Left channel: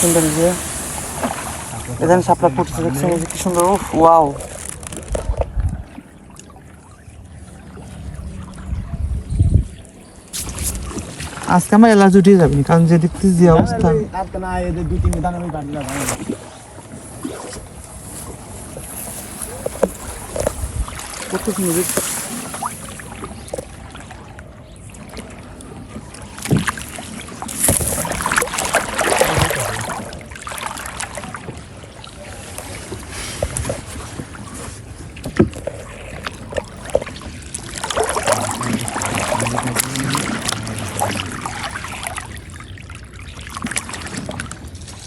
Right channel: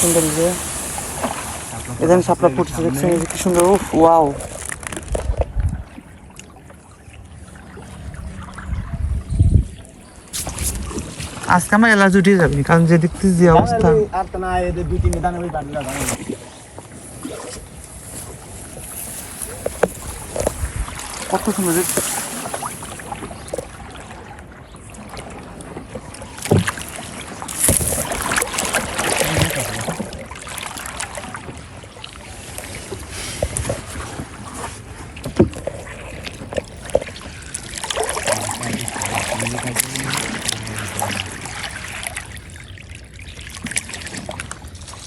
সুন্দর যে। এখানে সাপলা ফুটছে দেখছেন? এই যে কি সুন্দর উফ ওয়াও। আজকে আমার এলাচ উঠিয়ে যাবে কারণ যে দেখতেছি যে অবস্থা। কত সুন্দর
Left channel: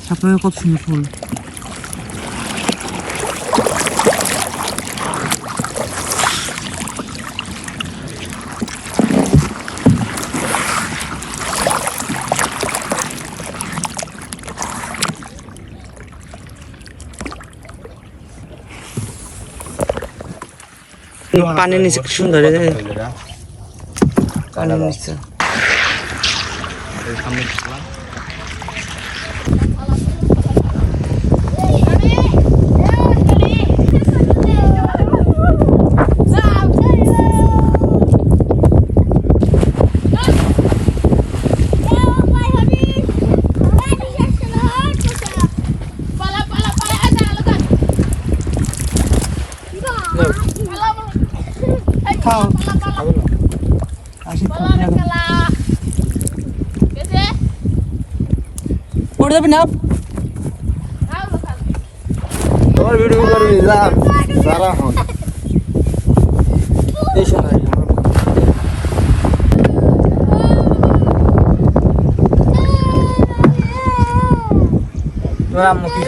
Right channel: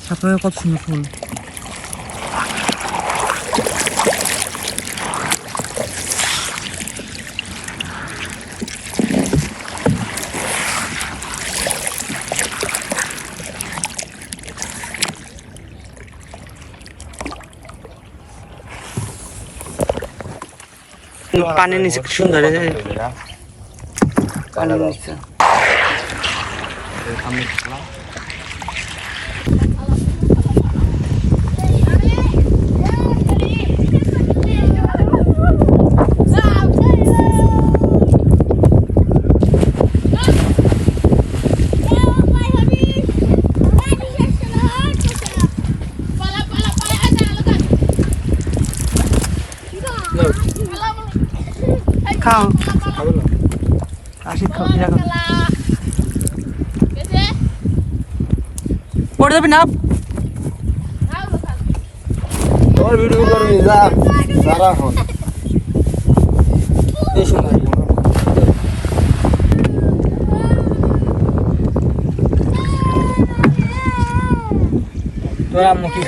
Забыл, как с ним पानी नहीं से सुंदर है One minute. Come. কিনা খাও পড়ে যাবি না? তোর ভিডিও করবি যা সারা হন তোর আম্মু কি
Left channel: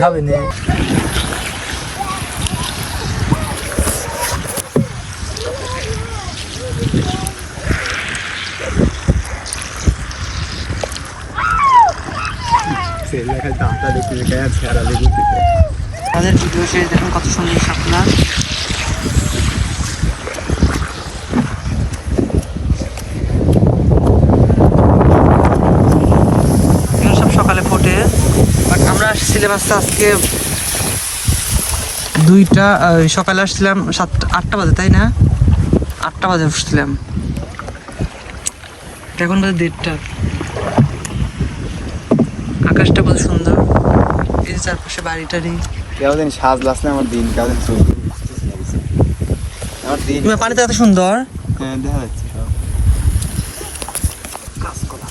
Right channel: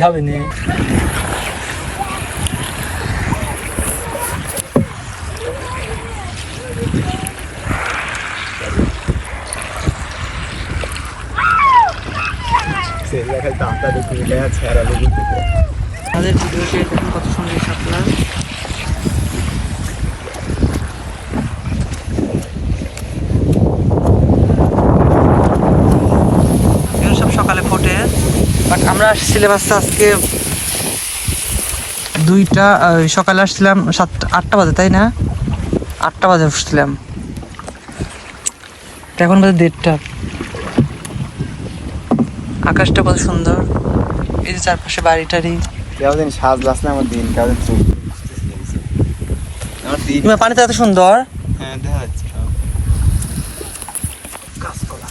আর ছেঁড়া দেখতে তাদের ভিডিও শেষ, দেখুন কত সুন্দর শাপলা। সব সকালে ফোটে বাট আমরা আজকে আজকে দুইটা সকালে আসছিলাম সাতটা আটটা বাজে, তাই না? আটটা বাজে আসছিলাম এখন বাজে দেড়টা। আকাশটা কত সুন্দর। এই যে চারপাশে বাড়ি টাড়ি কেমন সাজ না আমার দিন কেমন আমার দিন তোমার এত সুন্দর। হ্যাঁ দেখা যাচ্ছে করা।